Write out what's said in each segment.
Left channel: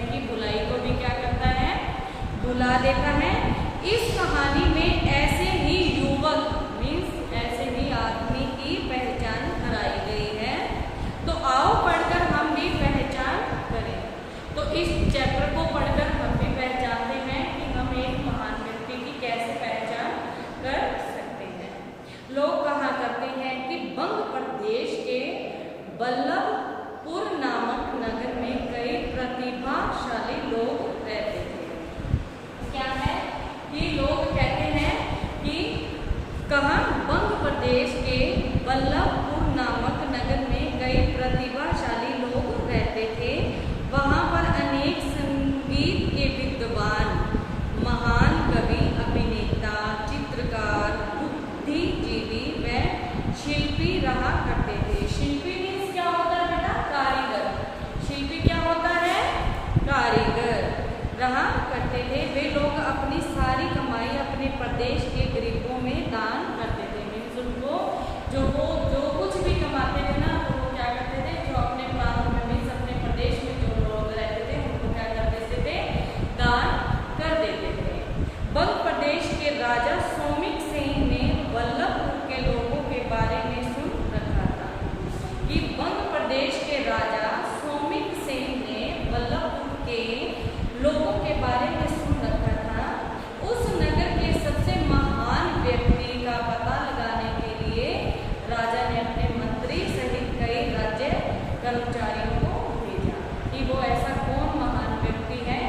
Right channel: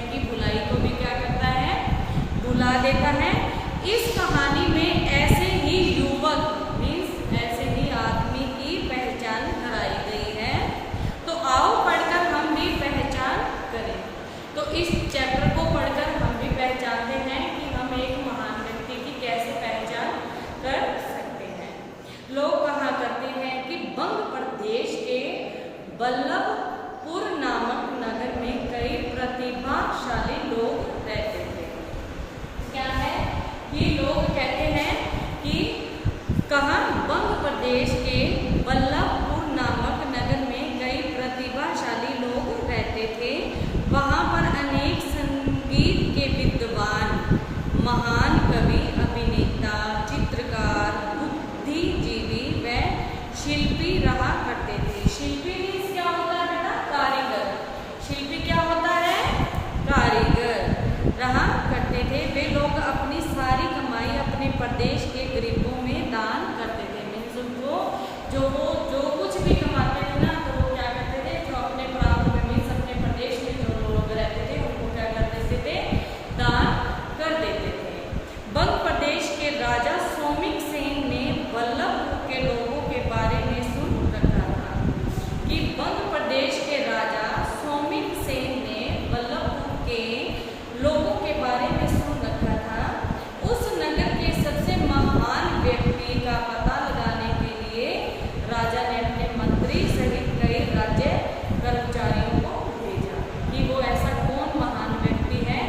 समय की बुलाई को भी क्या करता है, भुला देता है। इस कहानी में ऐसे ही युवक मीन्स ऐसे ही आदमी की पहचान कराई गई है। तो आओ पढ़कर हम भी पहचान करें। तो इस चैप्टर को पढ़कर हम भी पहचानते हैं कि हम एक महान व्यक्ति की कैसे पहचान कर सकते हैं। लोग कहा करते हैं कि बंग प्रदेश के वल्लभपुर नामक नगर में कई प्रतिभाशाली लोग रहते थे। क्या है कि लोग कहते हैं कि कहा बंग प्रदेश के वल्लभपुर नामक नगर में कई प्रतिभाशाली लोग रहते थे। वहाँ पर अनेक संगीत के विद्वान, महान कवि, अभिनेता, चित्रकार, बुद्धिजीवी व शिल्पी रहा करते थे। शिल्पी मीन्स क्या होता है बेटा, कारीगर। शिल्पी क्या होता है, कारीगर रहा करते थे। वे लोग अपनी सारी कमाई अपने प्रदेश के गरीबों में दान करते थे। मीन्स उनको जो कुछ भी कमाते थे ना, तो वो क्या करते थे, जो अपने प्रांत में मीन्स अपने प्रदेश में जो लोग रहते थे उनको क्या कर देते थे, दान कर देते थे। बंग प्रदेश के राजा सोमिक सेन ने वल्लभपुर के लोगों के बारे में सुन रखा था कि बंग प्रदेश के राजा सोमिक सेन ने वल्लभपुर के लोगों के बारे में सुन रखा था। उस नगर के सबसे महान व्यक्ति का पता लगाने के लिए राजा ने अपने मंत्री सहित कई राज्य कर्मचारियों को भेजा कि वो ऐसा कौन महान व्यक्ति है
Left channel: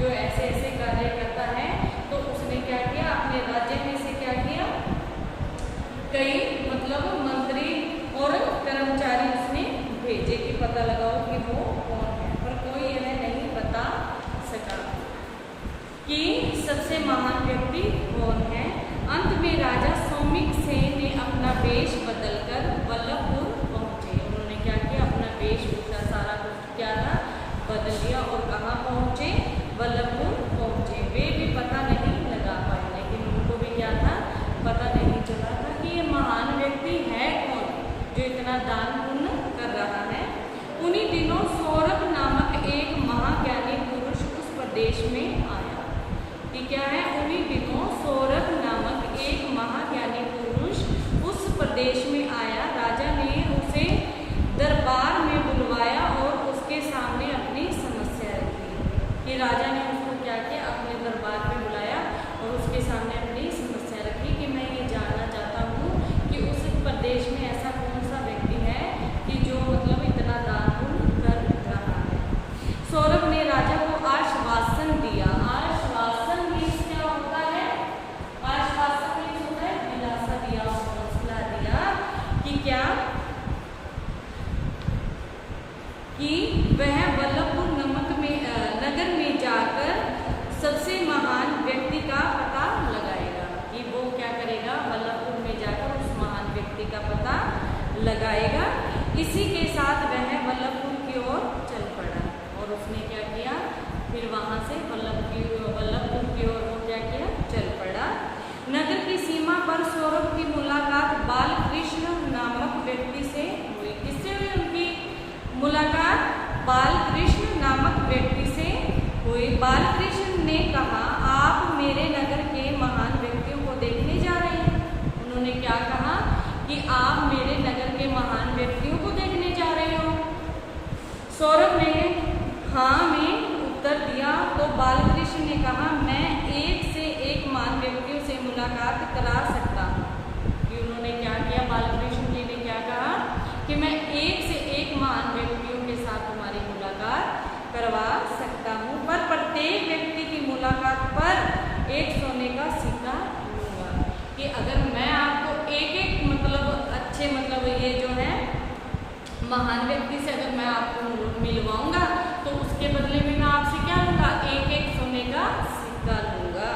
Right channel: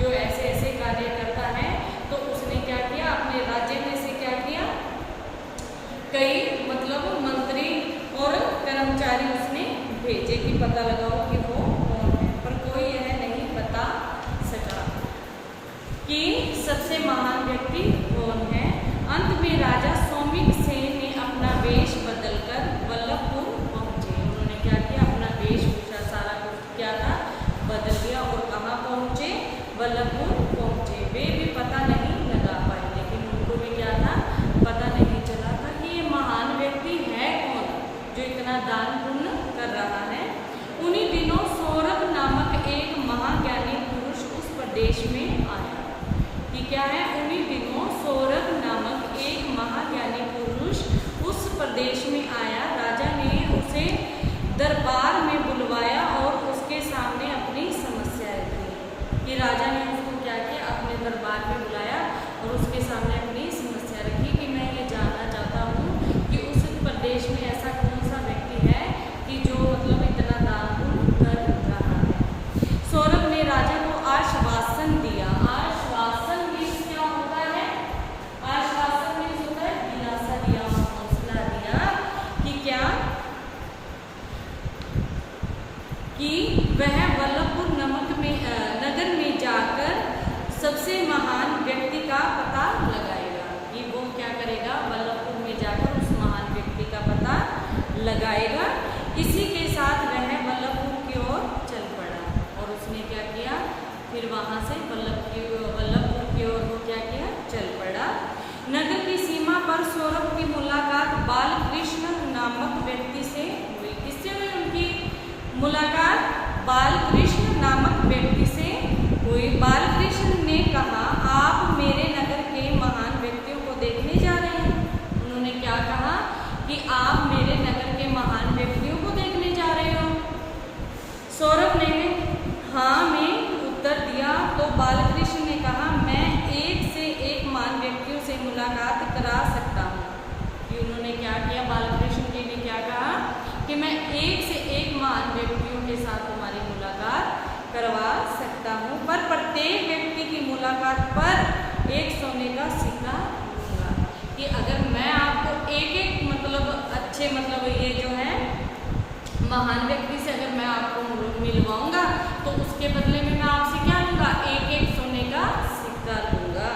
जो ऐसे ऐसे कार्य करता है। तो उसने क्या किया, अपने राज्य में से क्या किया, कई मतलब मंत्री और कर्मचारी उसने भेजे कि पता लगाओ कि वो कौन है। पर कोई यह नहीं बता सका कि सबसे महान व्यक्ति कौन है। अंत में राजा सोमिक सेन ने अपना वेश बदलकर वल्लभपुर पहुंचे। उन्होंने क्या किया, अपना वेशभूषा सारा कुछ क्या था, बदल दिया और कहाँ पहुंचे, वल्लभपुर पहुंचे। वे भी पता नहीं लगा पाए, लेकिन उनको भी क्या था, पता नहीं चला था कि ये महान व्यक्ति है कौन जो इतना दान पुण्य कर रहा है। उन्हीं दिनों सौरभ नामक एक महाज्ञानी पुरुष उस प्रदेश में आया। कि क्या है, उन्हीं दिनों सौरभ नामक एक महाज्ञानी पुरुष उस प्रदेश में आया। राजा ने उसे दरबार में बुलवाया और उसके सामने अपनी समस्या रखी। कि राजा ने उसको क्या किया, अपने दरबार में बुलाया और उसके सामने अपनी समस्या रखी कि मैं ये जानना चाहता हूँ कि उस प्रदेश में ऐसा कौन सा व्यक्ति है कि जो मतलब इतना दान पुण्य कर रहा है। सौरभ ने राजा को आश्वासन दिया। आश्वासन मीन्स क्या होता है, आश्वासन मीन्स होता है दिलासा दिया, हौसला दिया कि क्या, कि वह वल्लभपुर नगर में जाकर सबसे महान व्यक्ति का पता लगाएगा। कि वो क्या करेगा, वल्लभपुर में जाकर उस महान व्यक्ति का पता लगाएगा। इसी के साथ वह वल्लभपुर की ओर चल पड़ा और उसने क्या किया, फिर वहाँ से वल्लभपुर की ओर वो क्या किया, चल पड़ा। नगर की सीमा पर सौरभ की मुलाकात बालकृष्ण नामक व्यक्ति से हुई। किससे हुई उनकी मुलाकात, बालकृष्ण नामक व्यक्ति से हुई। बालकृष्ण ने कहा, आप मेरे नगर के महान व्यक्तियों को देखने जा रहे हैं। उन्होंने क्या कहा कि आप मेरे नगर के महान व्यक्तियों को देखने जा रहे हो। सौरभ ने हाँ में उत्तर दिया। तो बालकृष्ण ने कहा, मैं एक से एक महान व्यक्तियों से मुलाकात करा सकता हूँ। कि उन्होंने क्या किया, बालकृष्ण जी ने क्या कहा कि मैं एक से एक महान व्यक्तियों के साथ तुम्हारी मुलाकात करवा सकता हूँ, पर प्रत्येक व्यक्ति की मुलाकात पर एक सोने का सिक्का लूँगा। कि अगर मैं आपको एक एक मतलब अच्छे मतलब ये जो है महान व्यक्ति से अगर मैं आपको मिलवाऊंगा तो उसके बदले में मैं आपसे क्या लूँगा, एक एक सोने का सिक्का लूँगा।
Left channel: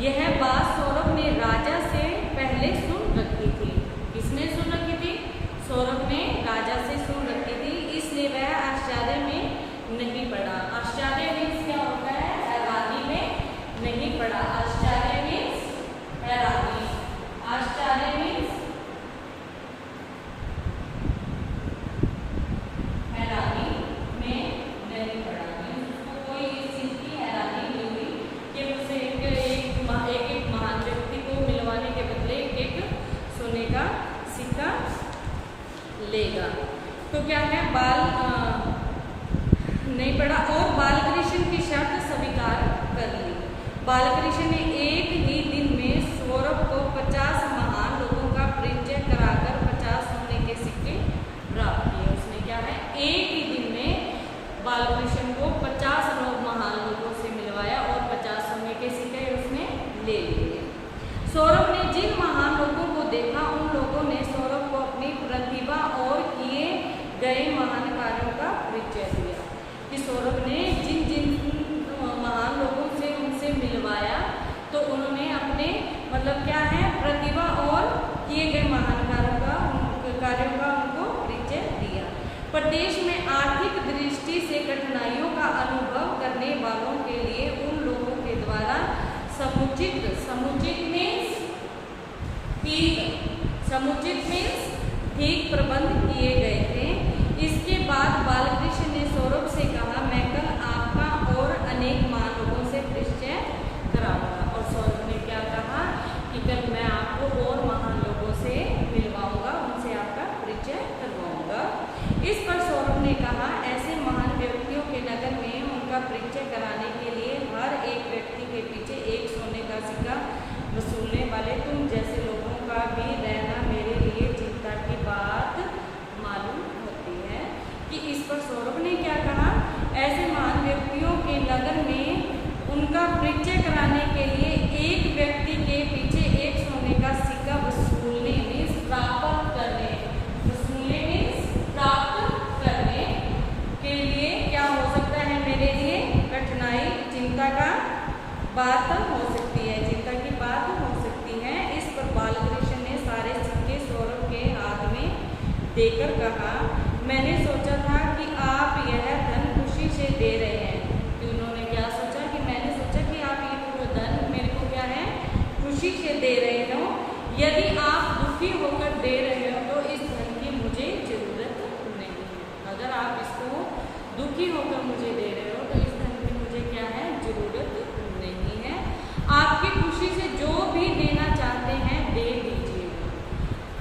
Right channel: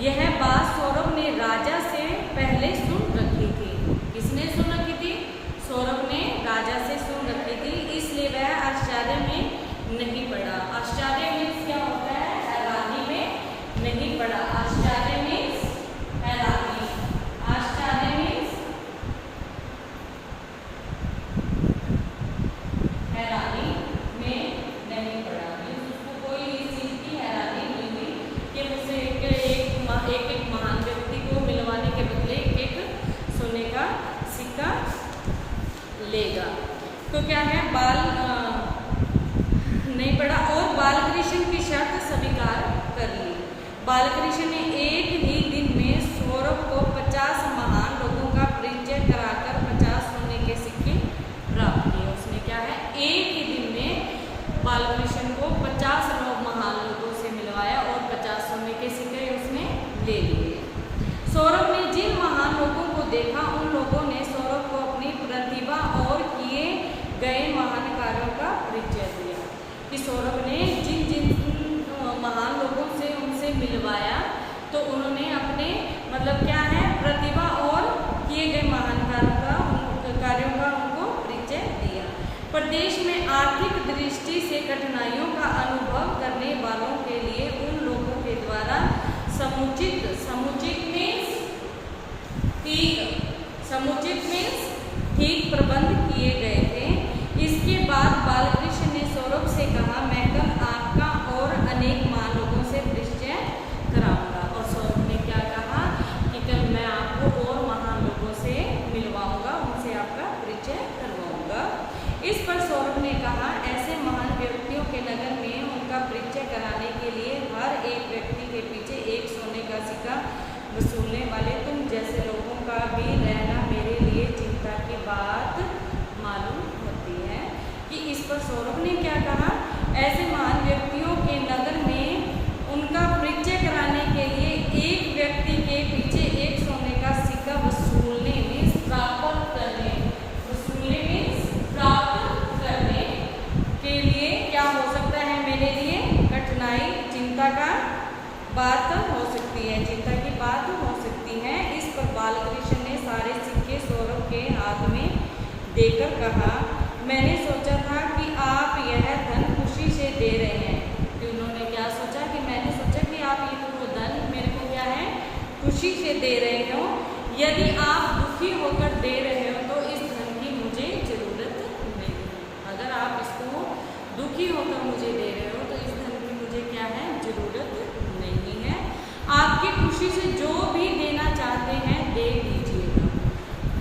यह बात सौरभ ने राजा से पहले सुन रखी थी। किसने सुन रखी थी, सौरभ ने राजा से सुन रखी थी, इसलिए वह आश्चर्य में नहीं पड़ा। आश्चर्य मीन्स क्या होता है, हैरानी में नहीं पड़ा। आश्चर्य मीन्स हैरानी, आश्चर्य मीन्स हैरानी में नहीं पड़ा। उसको सोने का सिक्का लेगा। तो क्या है, बाल नहीं पढ़ा और बालकृष्ण की शर्त स्वीकार कर ली। बालकृष्ण ने एक ही दिन में सौरभ को 50 महान लोगों का परिचय कराकर 50 सोने के सिक्के प्राप्त किए। उसने क्या है, एक ही दिन में बालकृष्ण को 50 महान लोगों से मिलवाया और 50 सोने के सिक्के उसने ले लिए। सौरभ ने जिन महान लोगों को देखा उन लोगों ने सौरभ को अपनी प्रतिभा और किए गए महान कार्यों का परिचय दिया। कि सौरभ ने जिन जिन महान लोगों से उनसे मिलवाया तो उन्होंने अपने मतलब क्या है, प्रतिभा और किए गए महान कार्यों का उनको परिचय दिया। प्रदेश में आर्थिक दृष्टि से कठिनाइयों का अनुभव करने वालों के लिए उन लोगों के द्वारा समुचित मीन्स ठीक प्रबंध किए गए थे। इसके बाद बालकृष्ण ने सौरभ से कहा, मैं कल आपका और अनेक महान लोगों से परिचय कराऊंगा। और सौरभ ने क्या कहा कि कल मैं आपको और महान लोगों से मिलवाऊंगा, उनसे आपका परिचय करवाऊंगा। इस पर सौरभ ने कहा, ऐसे महान व्यक्तियों के नगर में उनका परिचय कराने के लिए हर एक व्यक्ति के पीछे एक सोने का सिक्का वसूलने वाले तुम जैसे लोगों का भी रहना मेरे लिए चिंता की बात मालूम होती है। कि इस पर सौरभ ने क्या कहा, ऐसे महान व्यक्तियों के नगर में उनका परिचय कराने के लिए एक व्यक्ति के पीछे एक सोने का सिक्का वसूलने मीन्स प्राप्त करने, वसूलने मीन्स प्राप्त करने के लिए क्या हो सकता है मेरे लिए कठिनाई, चिंता का बात हो सकती है, चिंता की बात हो सकती है। इस पर बालकृष्ण ने सारे सिक्के सौरभ के हाथ में देकर कहा, मैंने सोचा था कि आप यह धन खुशी से दे रहे हैं। कि उन्होंने क्या सोचा कि मैंने सोचा कि आप ये तो धन मेरे को क्या है खुशी से दे रहे हो। यदि आप दुखी होकर दे रहे हो तो इस धन की मुझे ज़रूरत नहीं है। अगर आप इसको दुखी होकर मुझे दे रहे हो तो इस धन की मुझे क्या है ज़रूरत नहीं है। आपकी खुशी से जो भी देना चाहते हैं दे दीजिएगा।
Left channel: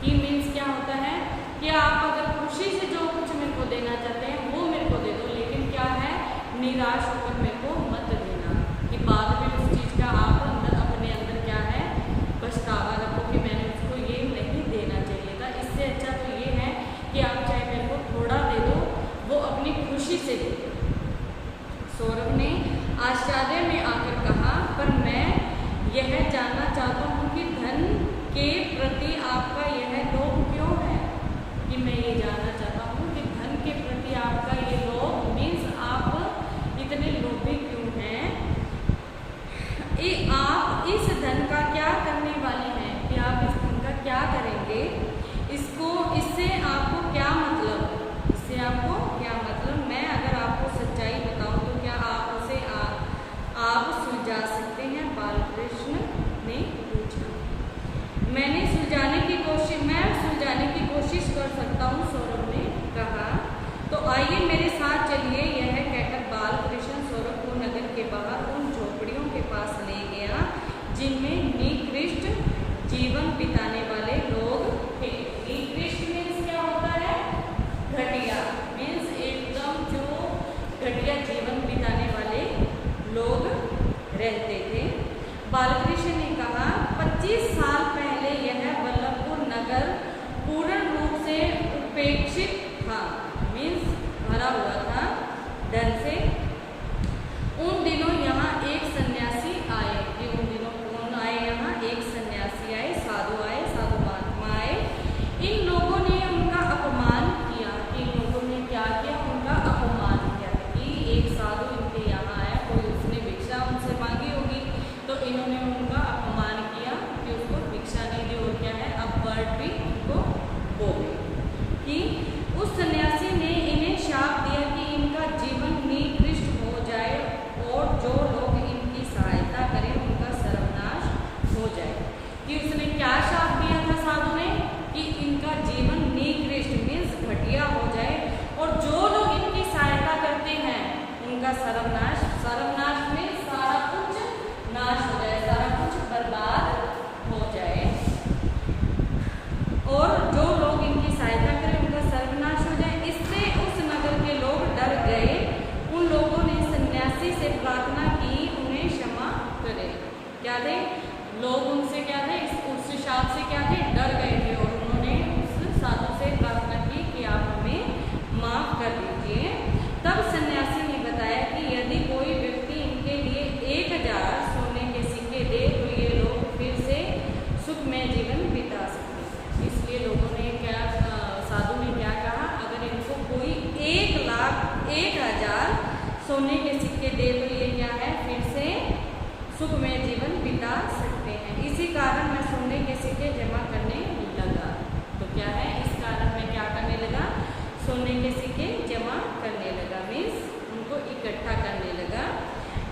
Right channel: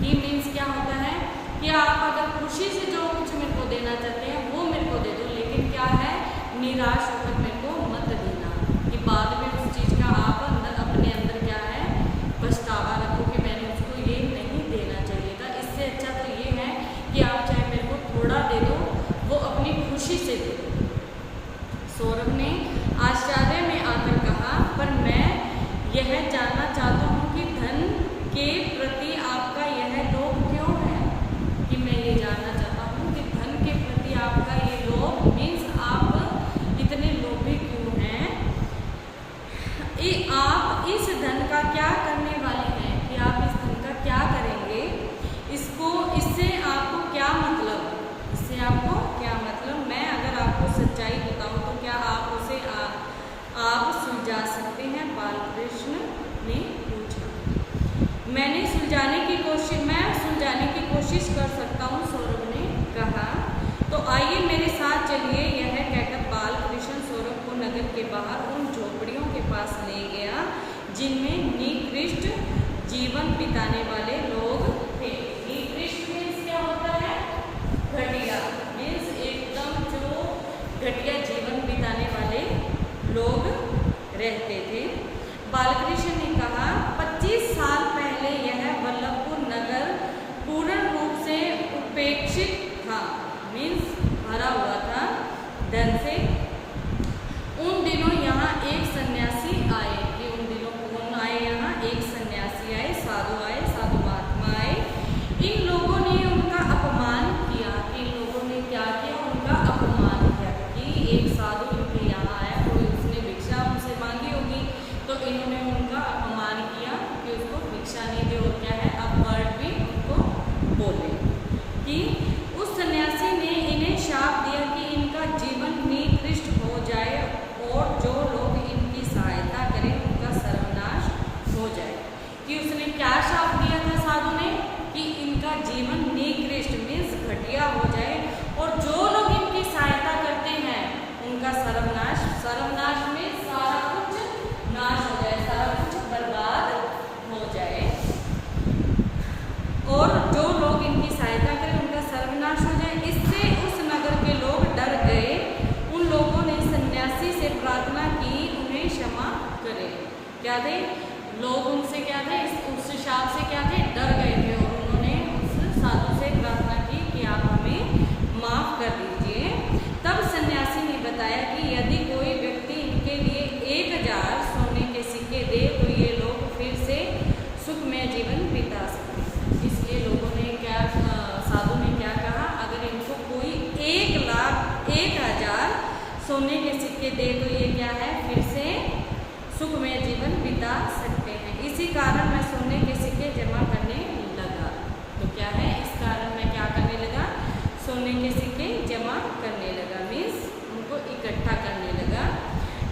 ही मीन्स क्या होता है कि आप अगर खुशी से जो कुछ मेरे को देना चाहते हैं वो मेरे को दे दो, लेकिन क्या है निराश होकर मेरे को मत देना कि बाद में उस चीज़ का आप अपने अंदर क्या है पछतावा रखो कि मैंने उसको ये नहीं देना चाहिए था। इससे अच्छा तो ये है कि आप चाहे मेरे को थोड़ा दे दो, वो अपनी खुशी से दे दो। सौरभ ने आश्चर्य में आकर कहा, पर मैं यह जानना चाहता हूँ कि धन के प्रति आपका यह लोभ क्यों है। कि मैं ये जानना चाहता हूँ कि धन के प्रति आपका ये लोभ मीन्स आप इतने लोभी क्यों हैं। आप इस धन का क्या करने वाले हैं, कि आप इस धन का क्या करेंगे, इससे आपको क्या मतलब, इससे आपको क्या मतलब। मैं अगर आपको सच्चाई बताऊँ तो क्या आप उसे आप सुलझा सकते हैं, बालकृष्ण ने पूछा। मैं सुलझाने की कोशिश कर सकता हूँ, सौरभ ने कहा। तो आइए मेरे साथ चलिए। यह कहकर बालकृष्ण सौरभ को नगर के बाहर उन झोपड़ियों के पास ले गया जिनमें निकृष्ट जीवन बिताने वाले लोग थे। निकृष्ट मीन्स क्या होता है, घटिया मीन्स एकदम जो घटिया जीवन बिताने वाले लोग रहते थे। बालकृष्ण ने कहा, 25 साल पहले यह वल्लभपुर नगर पूर्ण रूप से उपेक्षित था मीन्स भरा हुआ था धन से। उन दिनों यहाँ एक सन्यासी आए। कि उन दिनों कौन आए, यहाँ एक सन्यासी आए, साधु महात्मा आए। इन लोगों ने उनका अपमान किया। कि इन लोगों ने क्या किया, उनका अपमान किया। कि एक साधु इनके यहाँ आया, कोई उसने भिक्षा उनसे मांगी होगी तो इन्होंने उनका अपमान किया कि उसको भिक्षा नहीं दी और क्या है अपवर्ड भी उनको बोले। कि उस सन्यासी ने इन्हें शाप दिया कि इनका जीवन निकृष्ट हो जाए और जो लोग इनकी सहायता करें उनका सर्वनाश हो जाए। कि उसने क्या शाप दिया था साधु ने, कि इनका जीवन निकृष्ट मीन्स घटिया हो जाए और जो लोग इनकी सहायता करते हैं उनका सर्वनाश में सारा कुछ नाश हो जाए, सारा कुछ बर्बाद हो जाए। और जो लोग इनकी सहायता करें उनका सर्वनाश हो जाए। इससे उस नगर के लोग डर गए। उन लोगों ने सन्यासी से प्रार्थना की उन्हें क्षमा करे। क्या थे लोग? उनसे क्या थे? उस शाप से क्या थे? डर गए थे और उन्होंने उस साधु से प्रार्थना की कि आप हमें माफ कर दीजिए। तब सन्यासी ने बताया कि यदि कोई व्यक्ति इनके लिए 1000 सोने के सिक्के दे तो ये लोग फिर से सुखमय जीवन बिता सकते हैं। इसलिए लोगों ने क्या, साधु ने क्या कहा, अगर इनको कोई 1000 सोने के सिक्के दे तो ये क्या है, फिर से सुखमय जीवन बिता सकते हैं। इसी कारण मैं सोने के सिक्के जमा करने लगा। तो क्या है, इस कारण मैं क्या करने लगा, सोने के सिक्के जमा करने लगा, मीन्स उनको इकट्ठा करने लगा।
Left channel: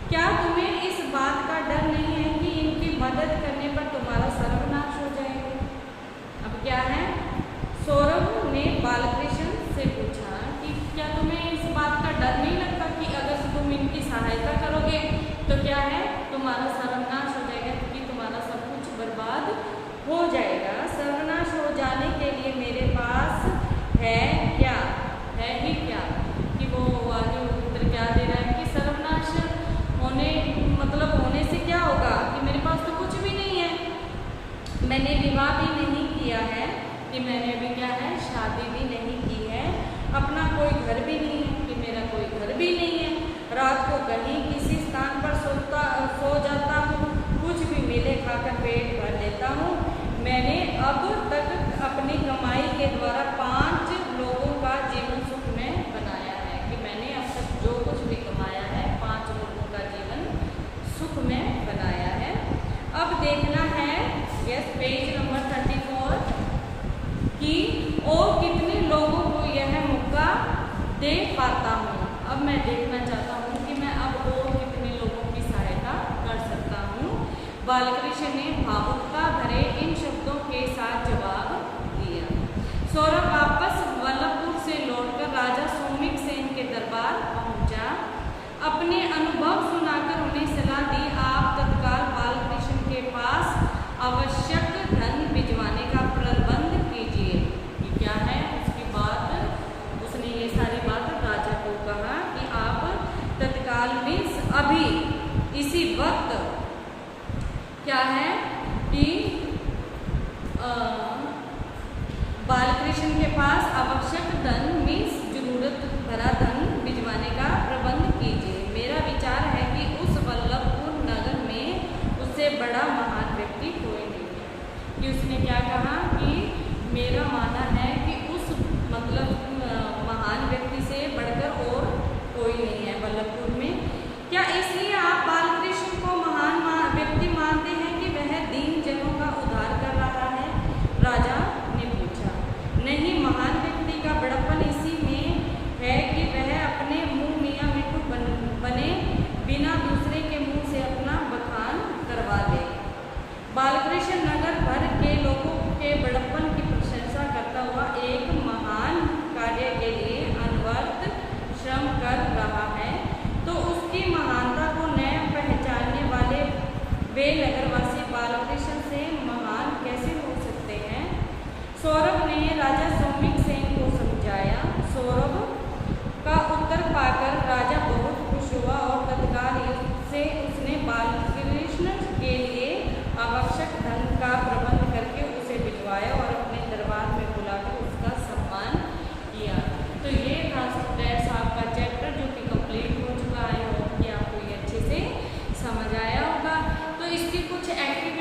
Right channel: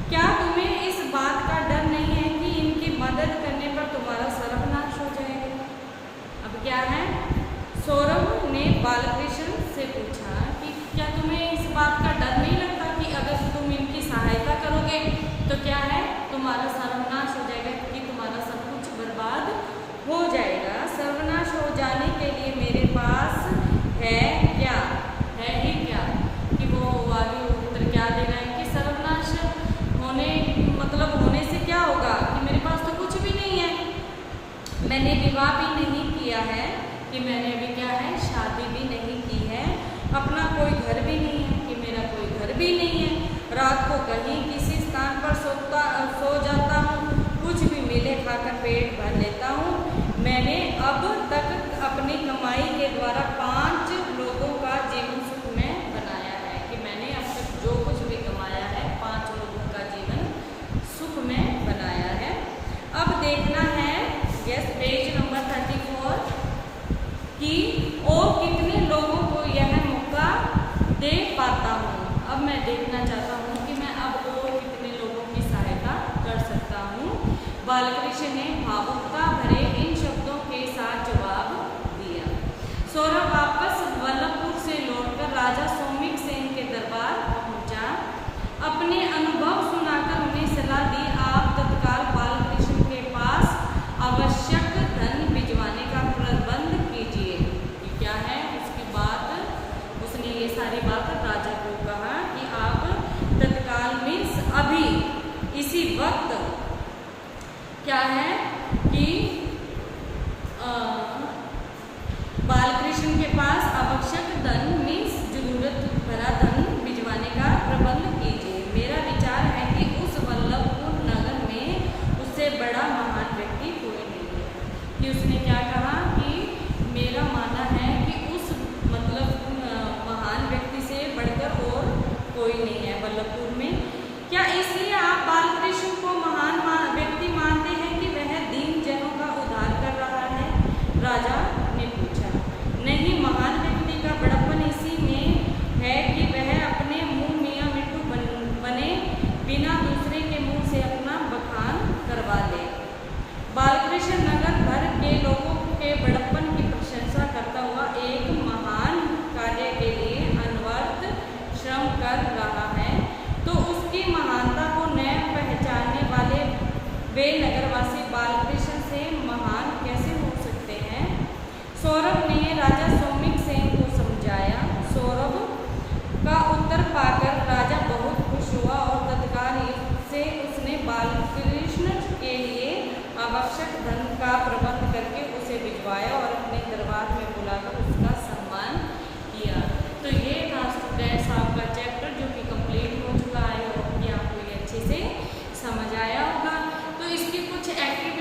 क्या तुम्हें इस बात का डर नहीं है कि इनकी मदद करने पर तुम्हारा सर्वनाश हो जाएगा? अब क्या है, सौरभ ने बालकृष्ण से पूछा कि क्या तुम्हें इस बात का डर नहीं लगता कि अगर तुम इनकी सहायता करोगे तो क्या है, तुम्हारा सर्वनाश हो जाएगा, क्योंकि तुम्हारा सब कुछ बर्बाद हो जाएगा। सर्वनाश हो जाने के लिए मेरे पास है क्या, है ही क्या, कि वो आगे उत्तर क्या दे रहा है कि सर्वनाश होने से क्या होगा कि मेरे पास तो कुछ भी नहीं है, मैंने विवाह भी नहीं किया है, कि मैंने अभी क्या है, शादी भी नहीं की है, अपना कोई घर भी नहीं है, कि मेरा कोई घर भी नहीं है, रात को कहीं किसी स्थान पर सो जाता हूँ, कुछ भी मिले खाकर पेट भर लेता हूँ। मैंने अब तक अपनी कमाई के द्वारा 5 लोगों का जीवन सुख में बनाया है, कि मैंने अब तक जो कुछ भी कमाया है 5 लोगों का जीवन सुख में बनाया है। अब देखना है, यस, पेज नंबर 34, कि और कितने लोगों को यह मौका दे पाता हूँ। अब मैं देखना चाहता हूँ कि मैं अब और कितने लोगों की सहायता कर सकता हूँ। बालकृष्ण ने भावुकता भरे इन शब्दों के साथ जवाब दिया। सौरभ वापस वल्लभपुर से लौटकर राजा सौमिक सेन के दरबार पहुंचा। अपने अनुभव सुनाकर उन्हें सलाह दी, आप तत्काल बालकृष्ण के पास आवश्यक धन भिजवाने का प्रबंध कीजिए। कि क्या है, उसकी बात, उसने ये सारी बात राजा को कहा कि आप तत्काल मीन्स अभी इसी वक्त क्या है कि बालकृष्ण के पास आवश्यक धन मीन्स जरूरत भरा धन भिजवाने का प्रबंध कीजिए। मेरा विचार है कि उस वल्लभपुर नगर में उससे बड़ा महान व्यक्ति कोई नहीं है। कि उसने क्या कहा कि मेरा मानना है कि उस महान व्यक्ति से बढ़कर और कोई नहीं है वल्लभपुर में। क्या इसलिए आप बालकृष्ण को महान व्यक्ति मानते हैं कि वह दीन जनों का उद्धार कर रहा है? राजा ने पूछा। नहीं, महान व्यक्ति का बड़प्पन इसी में है कि वह अपने मुंह मियाँ मिट्टू बने बिना दूसरे के मुंह से अपना बखान करवा ले। बालकृष्ण नगर भर के लोगों के बड़प्पन की प्रशंसा करता हुआ एक महान कार्य के लिए अनवरत श्रम कर रहा है, तो उसकी महानता को न पहचानने वाले वे नगरवासी बालकृष्ण से महान कैसे हो सकते हैं? सौरभ ने राजा सौमिक सेन को समझाया। सौरभ का उत्तर पाकर राजा बहुत खुश हुआ और तत्काल से उसने बालकृष्ण के लिए आवश्यक धन का प्रबंध करके उसे भिजवाया और अपने दरबार में बुलाकर उसका सम्मान किया। तो ये था स्टूडेंट्स आपका चैप्टर, जो कि कंप्लीट हो चुका है। कि आपको ये अच्छे से समझ आया होगा। तो इसकी कुछ एक्टिविटी